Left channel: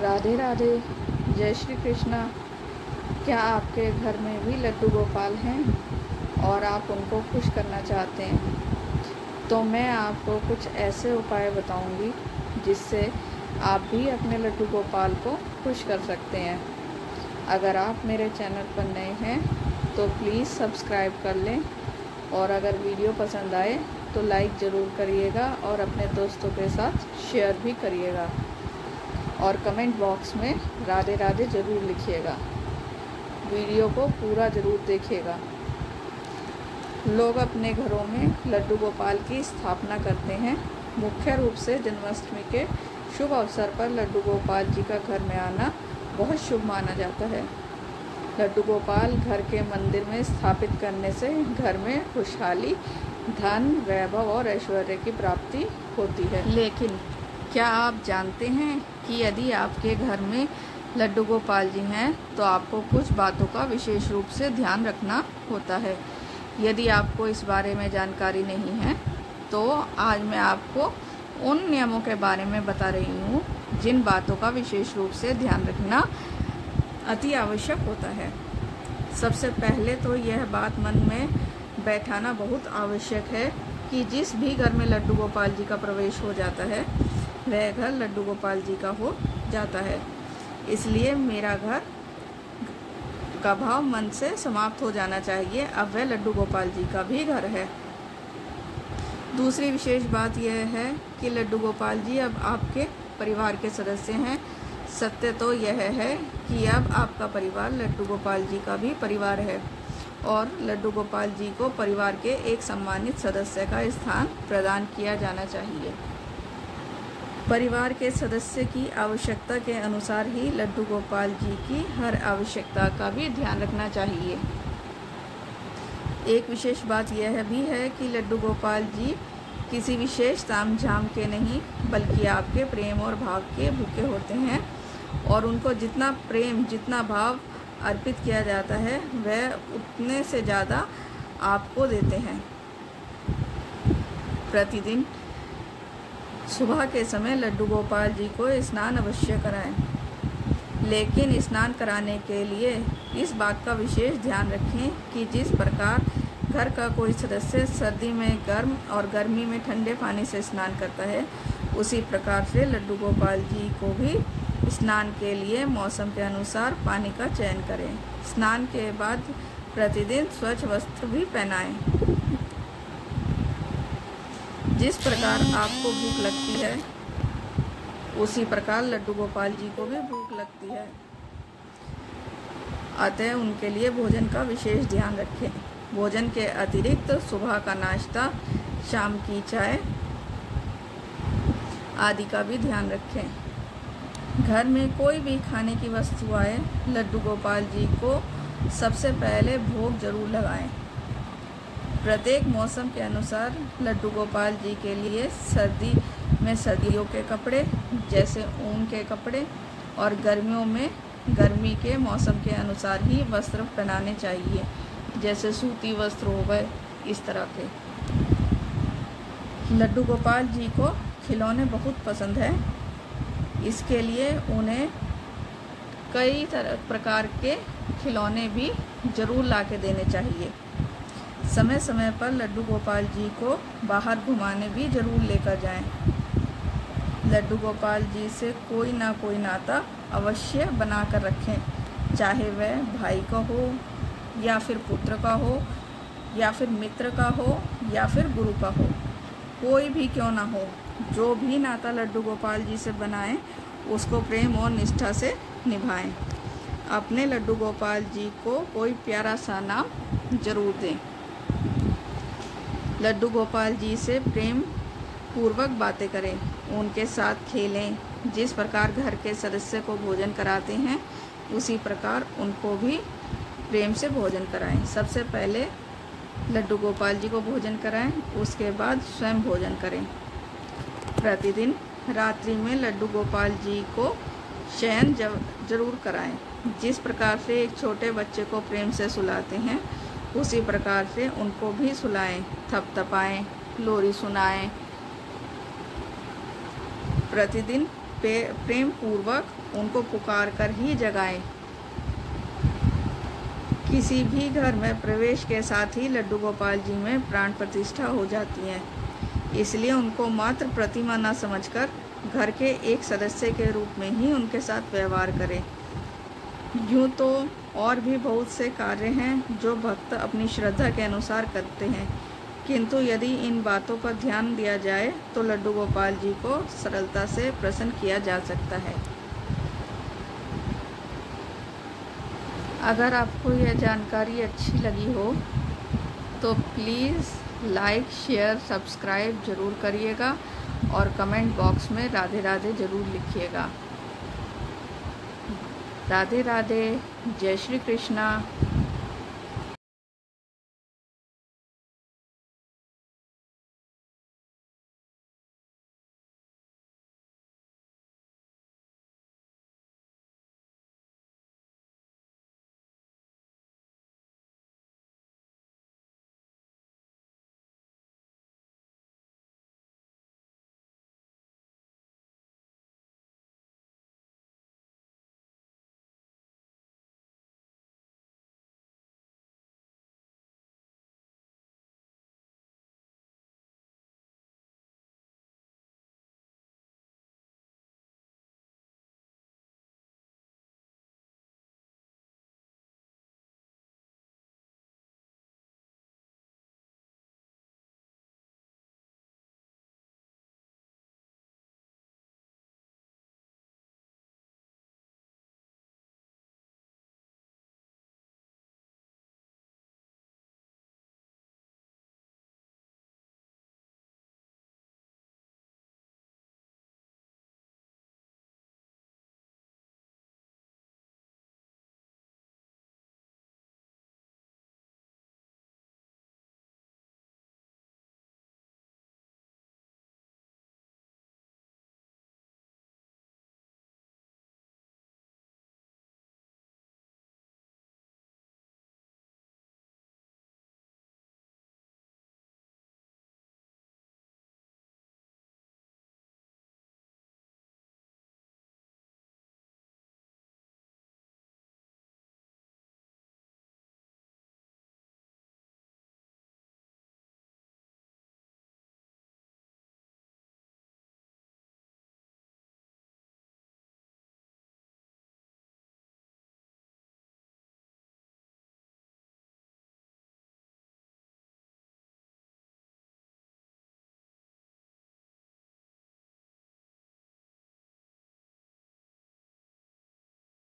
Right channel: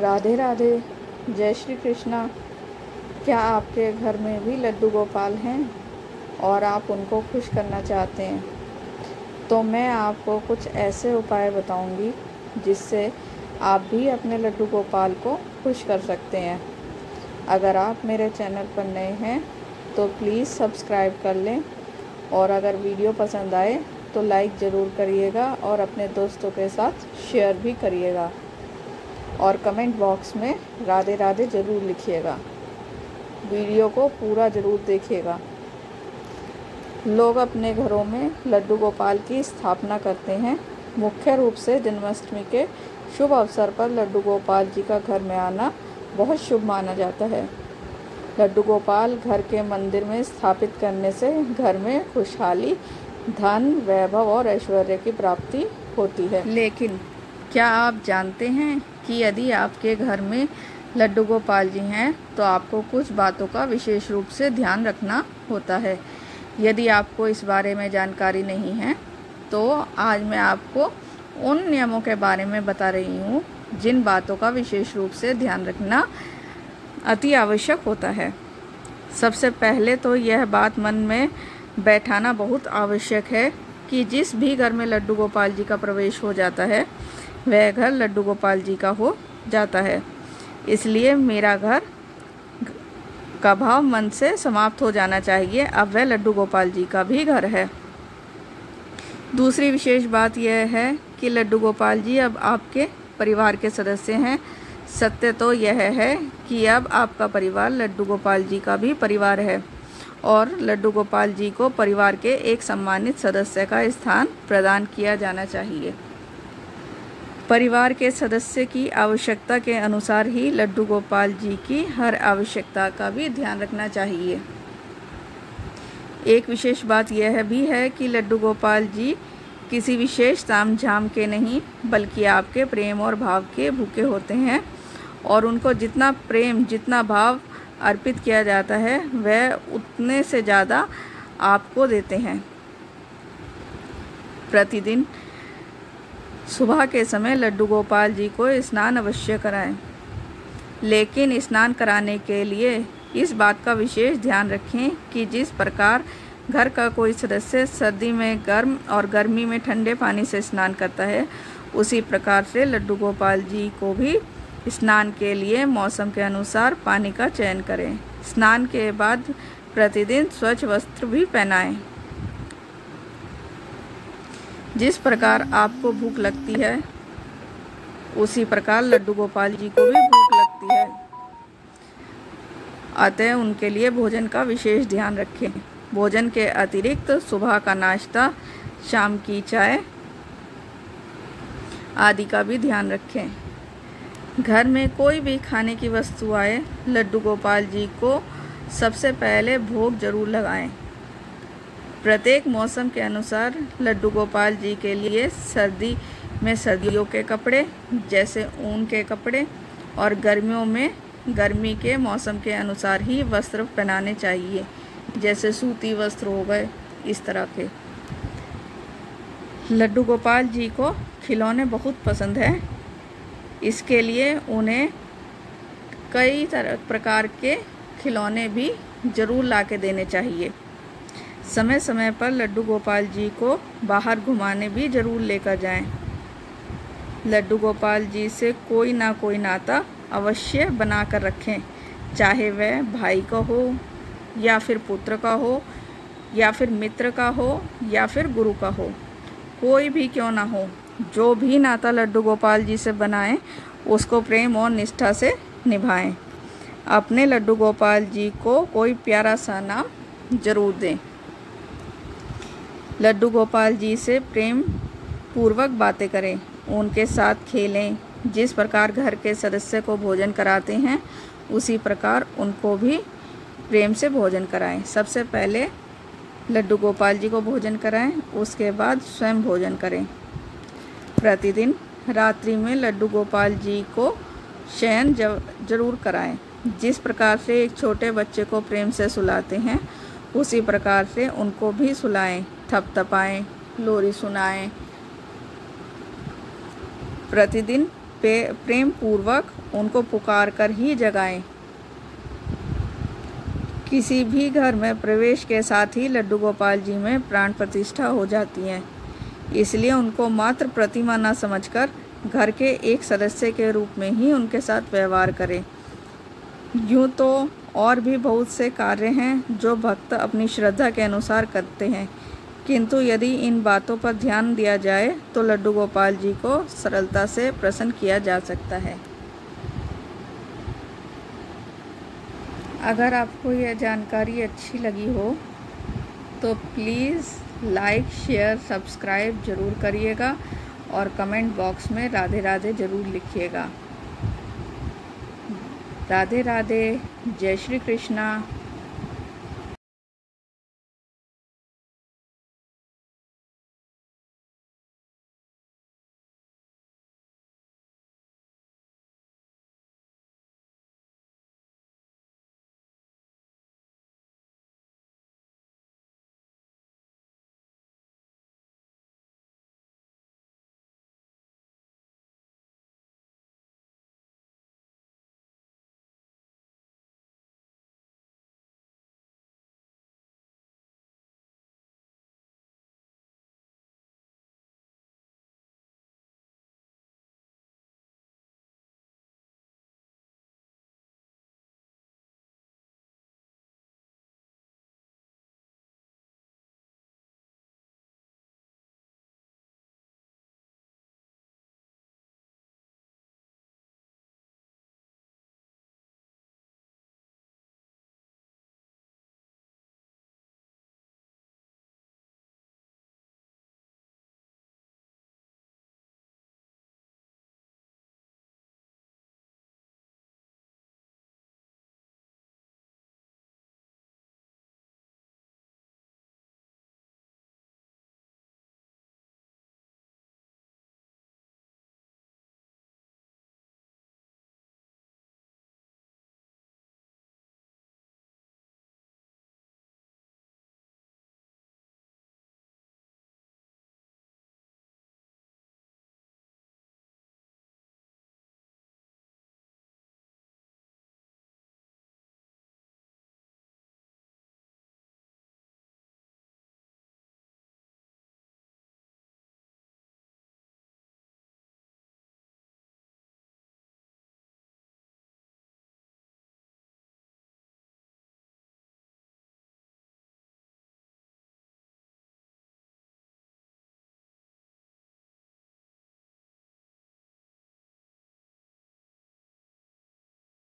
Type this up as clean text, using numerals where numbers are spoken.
राधे राधे, जय श्री कृष्णा। क्या आपके घर में भी लड्डू गोपाल हैं और आप उनको खुश करना चाहते हैं? तो मैं आपको कुछ ऐसे उपाय बताऊंगी जिससे आप भी अपने लड्डू गोपाल को खुश कर सकते हैं। अगर आप मेरे चैनल पर नए हैं तो प्लीज़ सब्सक्राइब कर लें, और अगर वीडियो पसंद आए तो लाइक ज़रूर करिएगा और अपने दोस्तों के साथ शेयर भी करिएगा, और कमेंट बॉक्स में राधे राधे ज़रूर लिखिएगा। वीडियो को पूरा ज़रूर देखिएगा। लोग अपने घरों में लड्डू गोपाल की स्थापना करते हैं। मुख्य रूप से जन्माष्टमी के शुभ अवसर पर लड्डू गोपाल जी का घर में आना बहुत शुभ माना जाता है। लड्डू गोपाल घर के मंदिर में स्थापित करने से घर में खुशहाली, धन, वैभव और ऐश्वर्य की प्राप्ति होती है। लेकिन क्या आप जानते हैं कि यदि आपके घर में लड्डू गोपाल जी हैं तो आपको कुछ बातों का विशेष रूप से ध्यान रखना होता है। यदि आपको इस बारे में जानकारी नहीं है तो आज मैं आपको उन नियमों के बारे में बता रही हूँ जिन बातों का विशेष रूप से ध्यान रखना अति आवश्यक होता है। सबसे पहले तो यह बात मन में बैठाना बहुत आवश्यक है कि जिस भी घर में लड्डू गोपाल जी का प्रवेश हो जाता है वह घर लड्डू गोपाल जी का हो जाता है। इसलिए मेरा घर का भाव मन से समाप्त हो जाना चाहिए, अब वह लड्डू गोपाल जी का भी घर है। दूसरी विशेष बात यह है कि लड्डू गोपाल जी अब आपके परिवार के सदस्य हैं। सत्य तो यह है कि अब आपका परिवार लड्डू गोपाल जी का भी परिवार है और लड्डू गोपाल जी को परिवार के एक सम्मानित सदस्य का स्थान प्रदान किया जाना चाहिए। परिवार के सदस्य की आवश्यकता के अनुसार ही लड्डू गोपाल जी की हर आवश्यकता का भी ध्यान रखना चाहिए। एक विशेष बात यह भी है कि लड्डू गोपाल जी किसी विशेष ताम झाम के नहीं बल्कि आपके प्रेम और भाव के भूखे होते हैं, और उनको जितना प्रेम, जितना भाव अर्पित किया जाता है वह उतने से ज़्यादा आपको देते हैं। प्रतिदिन सुबह के समय लड्डू गोपाल जी को स्नान अवश्य कराएं, लेकिन स्नान कराने के लिए इस बात का विशेष ध्यान रखें कि जिस प्रकार घर का कोई सदस्य सर्दी में गर्म और गर्मी में ठंडे पानी से स्नान करता है, उसी प्रकार से लड्डू गोपाल जी को भी स्नान के लिए मौसम के अनुसार पानी का चयन करें। स्नान के बाद प्रतिदिन स्वच्छ वस्त्र भी पहनाएं। जिस प्रकार आपको भूख लगती है उसी प्रकार लड्डू गोपाल जी को भी भूख लगती है, अतः उनके लिए भोजन का विशेष ध्यान रखें। भोजन के अतिरिक्त सुबह का नाश्ता, शाम की चाय आदि का भी ध्यान रखें। घर में कोई भी खाने की वस्तु आए, लड्डू गोपाल जी को सबसे पहले भोग जरूर लगाएं। प्रत्येक मौसम के अनुसार लड्डू गोपाल जी के लिए सर्दी में सर्दियों के कपड़े जैसे ऊन के कपड़े, और गर्मियों में गर्मी के मौसम के अनुसार ही वस्त्र पहनाने चाहिए, जैसे सूती वस्त्र हो गए, इस तरह के। लड्डू गोपाल जी को खिलौने बहुत पसंद है, इसके लिए उन्हें कई प्रकार के खिलौने भी जरूर ला के देने चाहिए। समय समय पर लड्डू गोपाल जी को बाहर घुमाने भी जरूर लेकर जाएं। लड्डू गोपाल जी से कोई ना कोई नाता अवश्य बना कर रखें, चाहे वह भाई का हो या फिर पुत्र का हो या फिर मित्र का हो या फिर गुरु का हो, कोई भी क्यों ना हो। जो भी नाता लड्डू गोपाल जी से बनाएं उसको प्रेम और निष्ठा से निभाएं। अपने लड्डू गोपाल जी को कोई प्यारा सा नाम जरूर दें। लड्डू गोपाल जी से प्रेम पूर्वक बातें करें, उनके साथ खेलें। जिस प्रकार घर के सदस्य को भोजन कराते हैं उसी प्रकार उनको भी प्रेम से भोजन कराएं। सबसे पहले लड्डू गोपाल जी को भोजन कराएं, उसके बाद स्वयं भोजन करें। प्रतिदिन रात्रि में लड्डू गोपाल जी को शयन जरूर कराएं। जिस प्रकार से एक छोटे बच्चे को प्रेम से सुलाते हैं उसी प्रकार से उनको भी सुलाएं, थपथपाएं, लोरी सुनाएं। प्रतिदिन प्रेम पूर्वक उनको पुकार कर ही जगाएं। किसी भी घर में प्रवेश के साथ ही लड्डू गोपाल जी में प्राण प्रतिष्ठा हो जाती है, इसलिए उनको मात्र प्रतिमा न समझकर घर के एक सदस्य के रूप में ही उनके साथ व्यवहार करें। यूँ तो और भी बहुत से कार्य हैं जो भक्त अपनी श्रद्धा के अनुसार करते हैं, किंतु यदि इन बातों पर ध्यान दिया जाए तो लड्डू गोपाल जी को सरलता से प्रसन्न किया जा सकता है। अगर आपको यह जानकारी अच्छी लगी हो तो प्लीज़ लाइक, शेयर, सब्सक्राइब ज़रूर करिएगा और कमेंट बॉक्स में राधे राधे ज़रूर लिखिएगा। राधे राधे, जय श्री कृष्णा।